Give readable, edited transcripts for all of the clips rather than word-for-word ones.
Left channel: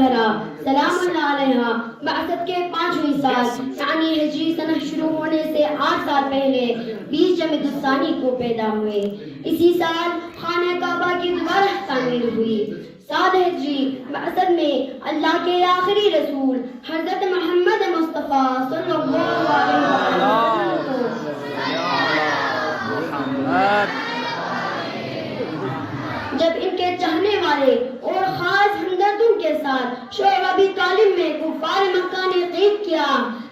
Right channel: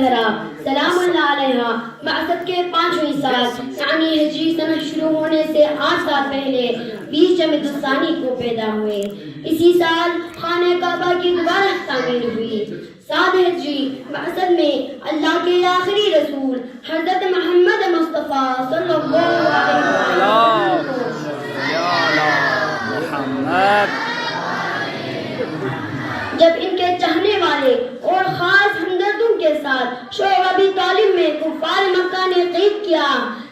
الزہرا سلام اللہ علیہا بعثت کے 5ویں سال یعنی ہجری سنہ شروع ہونے سے 8 سال پہلے 20 جمادی الثانی کو پیدا ہوئے۔ اسی سال خانہ کعبہ کی دوبارہ تعمیر ہوئی۔ 7 ہجری بعثت میں اللہ کے آخری رسول حضرت محمد مصطفیٰ صلی اللہ علیہ وسلم جب ان کے چاہنے والے اور خاص ہمدردوں کے ساتھ شعب ابی طالب میں کفار مکہ نے قید کیا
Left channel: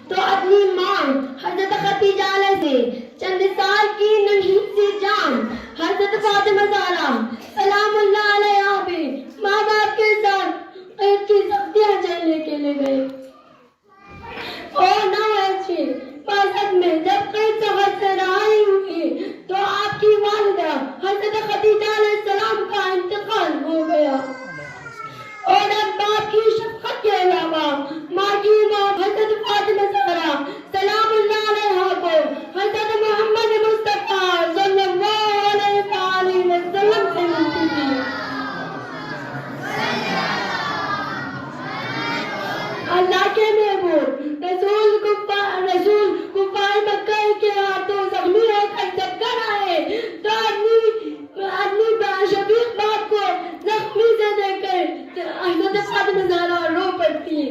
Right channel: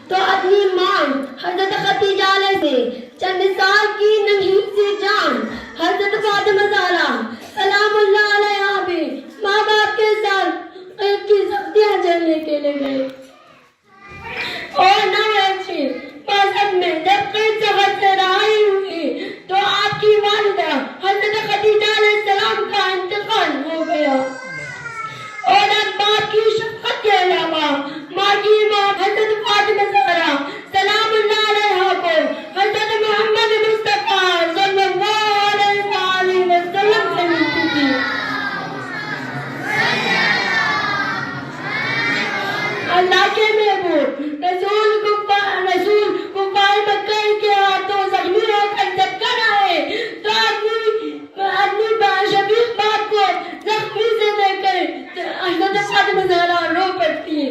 تو اپنی ماں حضرت ختیجہ علیہ سے چند سال کی ننھی سی جان حضرت فاطمہ زہرا سلام اللہ علیہا بھی ماں باپ کے ساتھ قید کی سختیاں جھیلنے کے لیے گئے۔ اور 9 ہجری بعثت میں جب قید سے رہائی ہوئی تو آپ کی والدہ حضرت ختیجہ علیہ السلام کا انتقال ہو گیا، اور اب باپ کی شفقت کے علاوہ ماں کی موت حضرت فاطمہ زہرا سلام اللہ علیہا کو حضرت محمد مصطفیٰ صلی اللہ علیہ وآلہ وسلم سے ملتی تھی۔ اللہ کے محبوب رسول کفار مکہ کے ہاتھوں زخمی ہو کر جب کر آئے تو اپنی شفیق باپ کو زخمی سے دیکھ کر حضرت فاطمہ زہرا رو پڑتی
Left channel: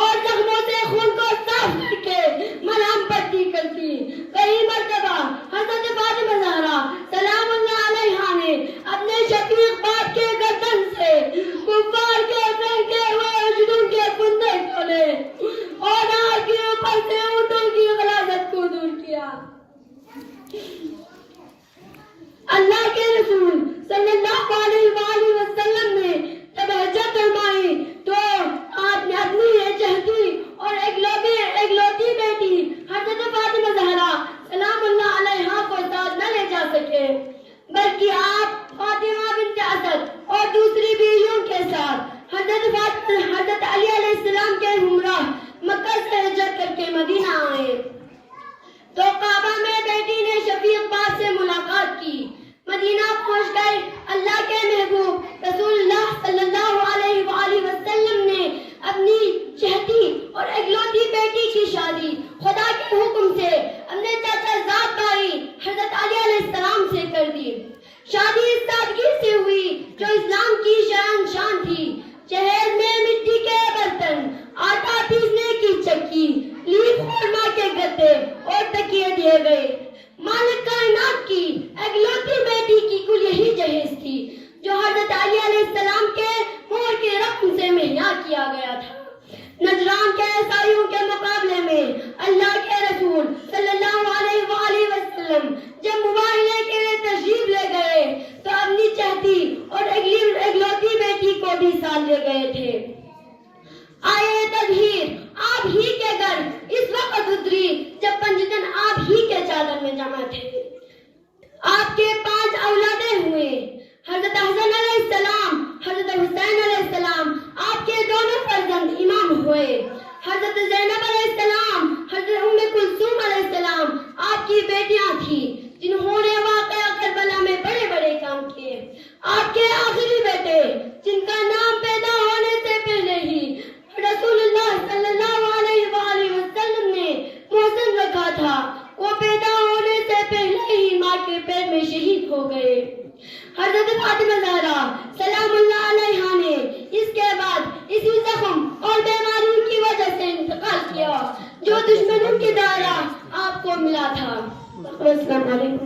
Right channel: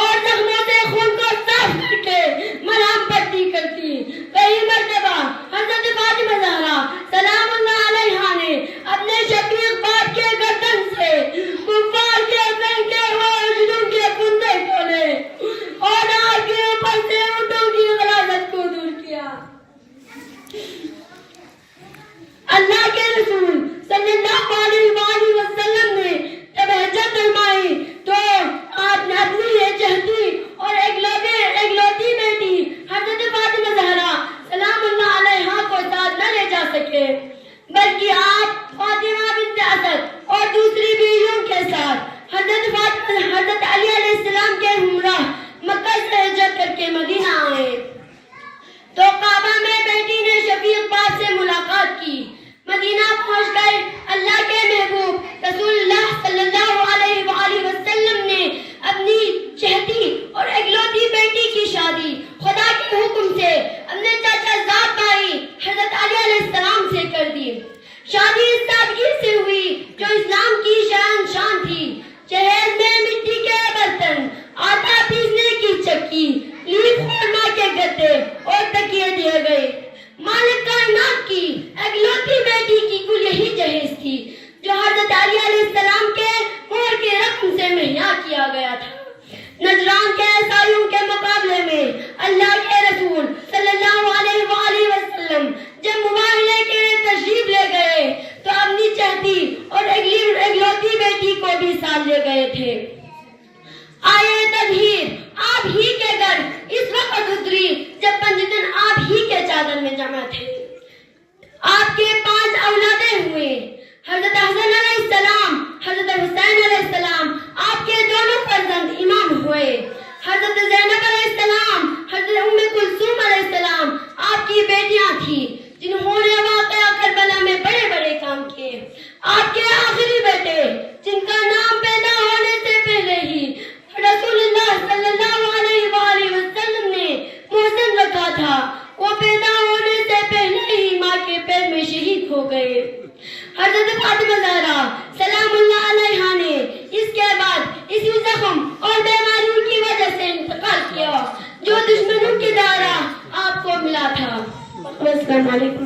اور زخموں سے خون کو صاف کر کے مرہم پٹی کرتی۔ کئی مرتبہ حضرت فاطمہ زہرا سلام اللہ علیہا نے اپنے شفیق باپ کے گردن سے کفار کے پھینکے ہوئے اجڑوں کے کندے کھولے اور آپ کے اوپر سے اونٹوں کی غلاظت کو دور کیا۔ اللہ کے رسول صلی اللہ علیہ وآلہ وسلم نے جب ہجرت فرمائی تو آپ نے اپنی یہ چہتی اور اکلوتی بیٹی حضرت فاطمہ زہرا سلام اللہ علیہا کو ساتھ نہ لے جا سکے، بلکہ آپ فاطمہ بنت اسد اور دوسری بیویوں کے ساتھ حضرت علی علیہ السلام کے ہمراہ مکہ سے ہجرت کر کے مدینہ آئے تو کعبہ میں بیٹی نے شفیق باپ سے ملاقات کی۔ مدینہ پہنچ کر اللہ کے محبوب رسول اللہ صلی اللہ علیہ وآلہ وسلم نے اپنی چہتی اور اکلوتی بیٹی کی شادی خدا کے حکم سے اپنے چاچا زاد بھائی حضرت علی علیہ السلام سے کر دی۔ شادی اس سادگی سے ہوئی جو اسلام کی شان تھی۔ جہیز میں مٹی کے برتن، آٹا پیسنے کی چکی، لیف خرما کے گدے اور تکیے دیے گئے۔ مالک کائنات کی اکلوتی بیٹی کی کل یہی جہیز تھی جو حضرت علی علیہ السلام کے مہر کے رقم سے مہیا کیا گیا تھا۔ نجران کے عیسائیوں کے مقابلے میں اللہ کے رسول صلی اللہ علیہ وآلہ وسلم جب مباہلے کے لیے تشریف لے گئے تو اپنی چہتی اور اکلوتی بیٹی کو بھی ساتھ لے گئے تھے۔ آئے تطہیر آپ ہی کے گھر اس وقت اتری جب 5 دن آپ ہی کے چادر میں جمع تھے۔ آپ کے 5 اولادیں ہوئے، حضرت حسن علیہ السلام، حضرت حسین علیہ السلام آپ کے دونوں فرزند امام ہوئے۔ حضرت زینب علیہ السلام، حضرت ام کلثوم علیہ السلام آپ کی بیٹیاں تھیں جنہوں نے واقعہ کربلا میں بڑے بڑے کام کیے۔ آپ کے آخری بیٹے جن کا نام پیدا ہونے سے پہلے ہی رسول اللہ صلی اللہ علیہ وآلہ وسلم نے محسن رکھا تھا، وہ پیدا ہونے سے پہلے ہی ماں کے پیٹ میں شہید ہو گئے۔ حضرت فاطمہ زہرا سلام اللہ علیہا نے اس کے بعد اسی زخم اور بیماریوں کی وجہ سے انتقال کیا جو دشمنوں کی دارا آپ کو ملا تھا۔ السلام علیکم۔